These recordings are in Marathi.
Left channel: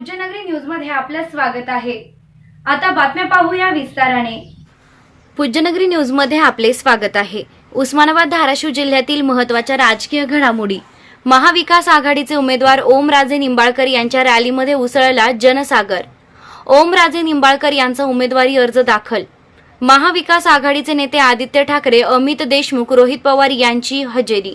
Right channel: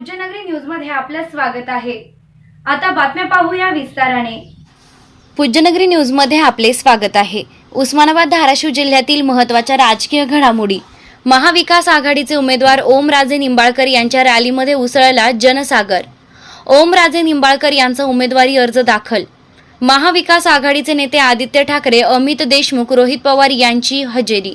पूज्यनगरी न्यूजमध्ये आपलं स्वागत आहे. आता बातम्या पाहूया विस्ताराने. पूज्यनगरी न्यूजमध्ये आपले स्वागत आहे. उस्मानाबाद धाराशिव जिल्ह्यातील महत्त्वाच्या राजकीय घडामोडी. महाविकास आघाडीचे उमेदवार ओमराजे निंबाळकर यांच्या रॅलीमध्ये उसळला जनसागर. ओमराजे निंबाळकर यांचा उमेदवारी अर्ज दाखल. महाविकास आघाडीचे नेते आदित्य ठाकरे अमित देशमुख रोहित पवार यांची हजेरी.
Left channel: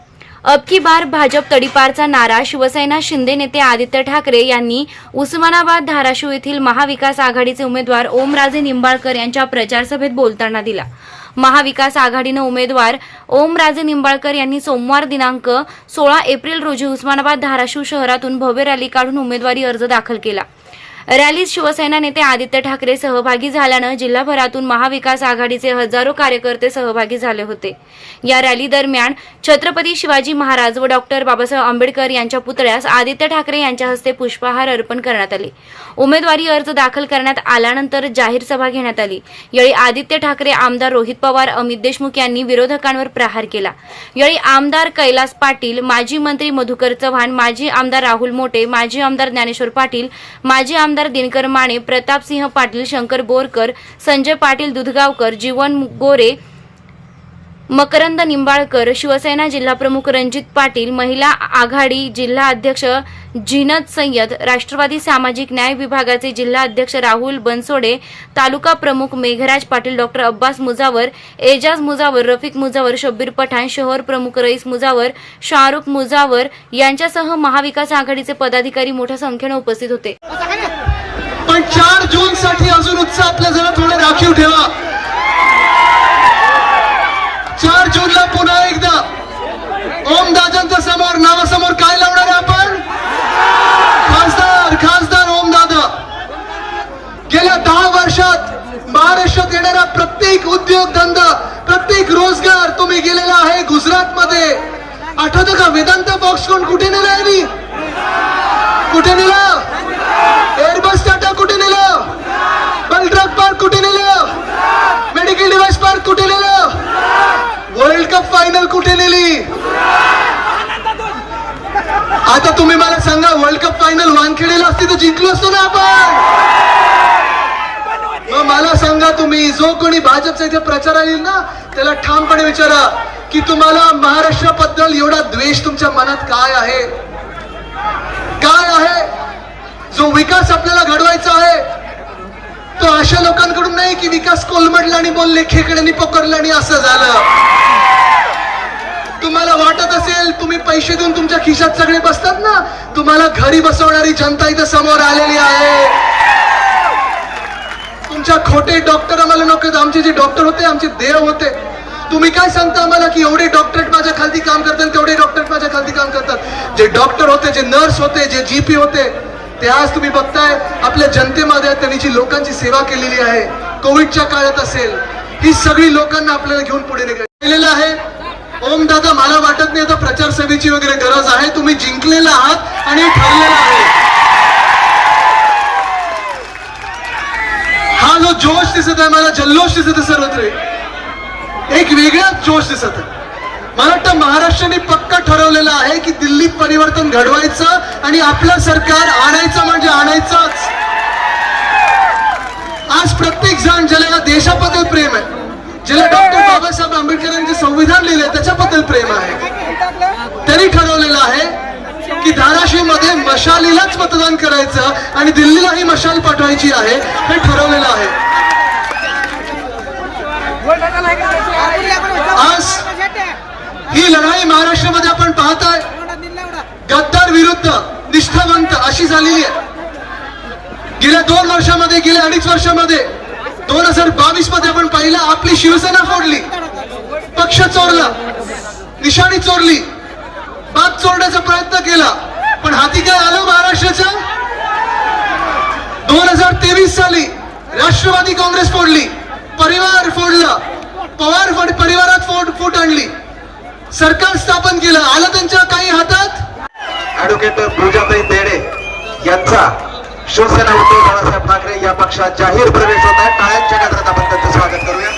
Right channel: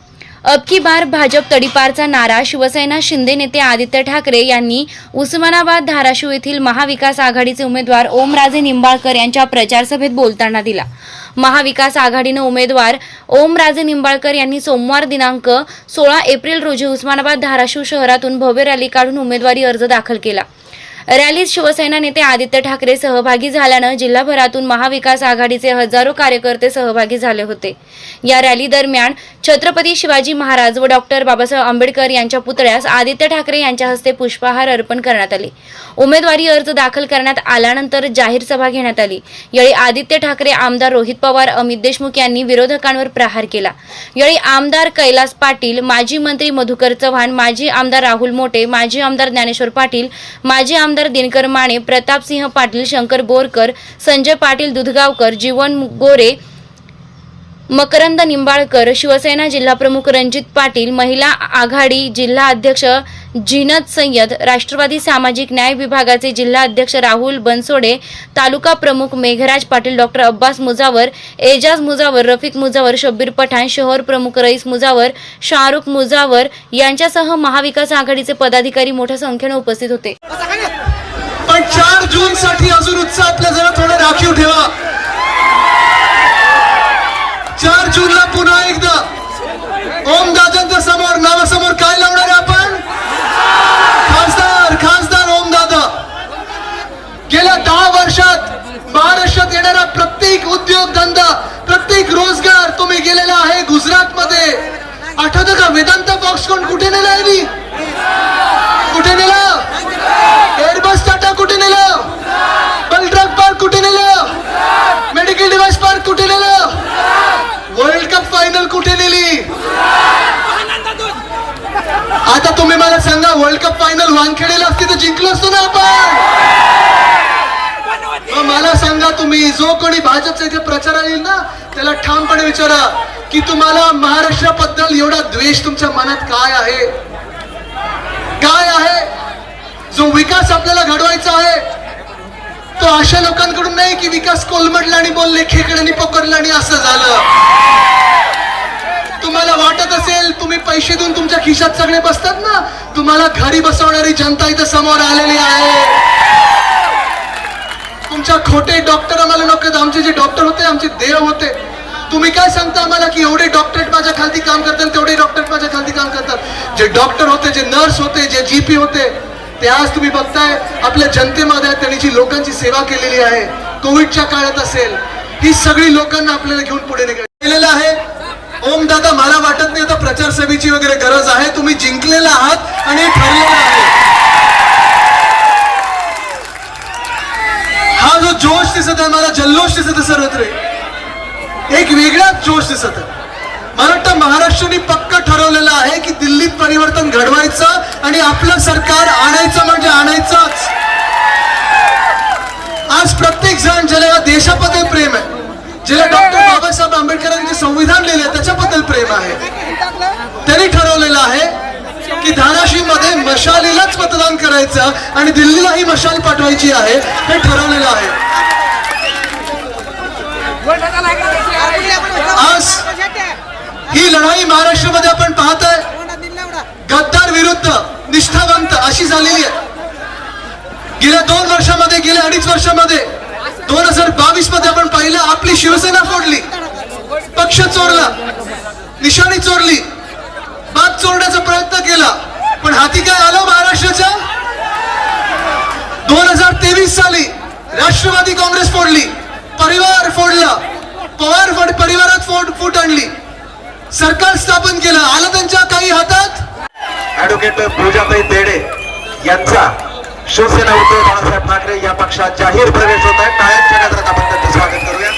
अब की बार भाजप तडीपारचा नारा शिवसेना शिंदे नेते आदित्य ठाकरे यांनी उस्मानाबाद धाराशिव येथील महाविकास आघाडीचे उमेदवार ओमराजे निंबाळकर यांच्या प्रचारसभेत बोलताना दिला. महाविकास आघाडीनं उमेदवार ओमराजे निंबाळकर यांनी सोमवार दिनांक सोळा एप्रिल रोजी उस्मानाबाद धाराशिव शहरातून भव्य रॅली काढून उमेदवारी अर्ज दाखल केला. रॅलीत शिवसेना नेते आदित्य ठाकरे सहभागी झाल्यानं जिल्हाभरातून महाविकास आघाडीचे हजारो कार्यकर्ते सहभागी झाले होते. या रॅली दरम्यान छत्रपती शिवाजी महाराज व डॉक्टर बाबासाहेब आंबेडकर यांच्या पुतळ्यास आदित्य ठाकरे यांच्या हस्ते पुष्पहार अर्पण करण्यात आले. उमेदवारी अर्ज दाखल करण्यात आल्यानंतर जाहीर सभा घेण्यात आली. यावेळी आदित्य ठाकरे आमदार रोहित पवार अमित देशमुख यांनी विरोधकांवर प्रहार केला. यावेळी आमदार कैलास पाटील माजी मंत्री मधुकर चव्हाण माजी आमदार राहुल मोटे माजी आमदार ज्ञानेश्वर पाटील माजी आमदार दिनकर माने प्रतापसिंह पाटील शंकर बोरकर संजय पाटील दुधगावकर जीवन गोरे मकरंद निंबाळकर शिवसेना जिल्हाप्रमुख रणजित पाटील महिला आघाडी जिल्हा अध्यक्ष जिनत सय्यद राष्ट्रवादी सामाजिक न्याय विभागाचे जिल्हा अध्यक्ष राहुल बनसोडे तालुका प्रमुख मेघराज पाटील डॉक्टर अब्बास मुजावर एजाज मुजावर रफिक मुजावर शब्बीर पठाण शहर प्रमुख रईस मुजावर शाहरुख मुजावर यांच्यासह महाविकास आघाडीचे पदाधिकारी मोठ्या संख्येने उपस्थित होते. पण चार जून साठी अजून उत्साह आपला जरा थोडं राखीव ठेवा. चार जूनला पुन्हा एकदा ओम दादांच्या समोर नावासमोर काय लावणार आहे आपण? खासदार खासदार ओम दादा. गेल्या दहा वर्षात महाराष्ट्रात येणारा प्रत्येक उद्योग धंदा प्रत्येक रोजगार तुम्ही गेलेला आहे गुजरात मध्ये आठवतं का? वेदांत बॉक्स कोण कुठे नेला कुठे नेला? कुठे नेलं? बलट्रक पार्क कुठे नेलं? मेडिकल डिव्हाइस पार्क कुठे नेलं? वर्ल्ड कप फायनल कुठे नेली? आता तुम्ही मला सांगा वर्ल्ड कप फायनल वानखेडेला असते तर जिंकलो असतो ना आपण? मग मला सांगा तुम्ही जो कोणी भाजपचा इथे प्रचार येईल ना त्याला ठामपणे विचारा की तुम्हाला महाराष्ट्राबद्दल एवढा द्वेष तुमच्या मनात काय आहे? काय तो जो विकास आपल्याला घडवायचा आहे तो अशा लोकांकडून नाही की विकास कोलमडला आणि बोलले खेकड्यांनी पकडलं आणि असं झालं. तुम्हाला वाटत असेल तुम्ही पैसे देऊन तुमच्या खिशात सगळे बसतात ना? तुम्हाला घरी बसवणारी जनता इथं समोर आलेली आहे. तुमच्या खोटे डॉक्टर आम्हाला नको आमचे जे डॉक्टर होते आमचे देव होते. तुम्ही काय सांगता आम्हाला की एवढे डॉक्टरेट माझ्या खालती काम करतात तेवढे डॉक्टरेट माझ्या खालती काम करतात? जे डॉक्टर होते जे नर्स होते जे जीपी होते ते आज तुम्ही बघताय आपल्या जनतेमध्ये त्यांनी जी लोकांची सेवा केलेली आहे कोविडच्या काळात असेल ही सगळी लोकांना आपल्याला घेऊन पुढे निघालेलं आहे. ओम दादा मला वाटत नाही आता प्रचार सेवेची वगैरे गरज आहे. तुम्ही जिंकलेला आहात आणि ठरलेला ठरलेलं आहे. हा जो जोश दिसत आहे मला जल्लोष दिसत आहे सर्वत्र. एक वेगळाच जोश दिसत आहे. मला वाटतं महाराष्ट्राने पक्क ठरवलेलं आहे की दिल्लीत परिवर्तन घडवायचं आणि आपलं सरकार आणायचं म्हणजे आणायचंच. आज प्रत्येक जण ज्याला देशाबद्दल प्रेम आहे ज्याला डॉक्टर बाबासाहेब आंबेडकरांचे संविधान लिहिले त्याच्याबद्दल प्रेम आहे. त्यांनी ठरवलेलं आहे की धाराशिवमध्ये मशालीलाच मतदान करायचं आणि दिल्लीलाही मशाल पाठवायची आहे हे ठरवलेलं आहे. आज ही लढाई महाराष्ट्रामध्ये आपण पाहताय. गद्दार विरुद्ध निष्ठावंत अशी झालेली आहे. गेल्या दोन वर्षामध्ये गेल्या अडीच वर्षामध्ये दोन हजार बावीसमध्ये आपण पाहिलं आपली शिवसेना फोडली पक्ष चोरला निशाणी चोरली बाग चोरण्याचा प्रयत्न केला पण हाती काय आलं महाराष्ट्राच्या? दोन हजार तेवीस साली राष्ट्रवादी काँग्रेस फोडली परिवार फोडला पवार फोड परिवारात फोड फूट आणली. सरकार स्थापन केलं. आलं त्यांच्या काही हातात? ऍडव्होकेट पूजाताई तेडे यांचा शिवसेना उद्धव बाळासाहेब ठाकरे या पक्षात जाहीर प्रवेश होत आहे. टाळ्यांच्या गजरात आपण त्यांचं स्वागत करूया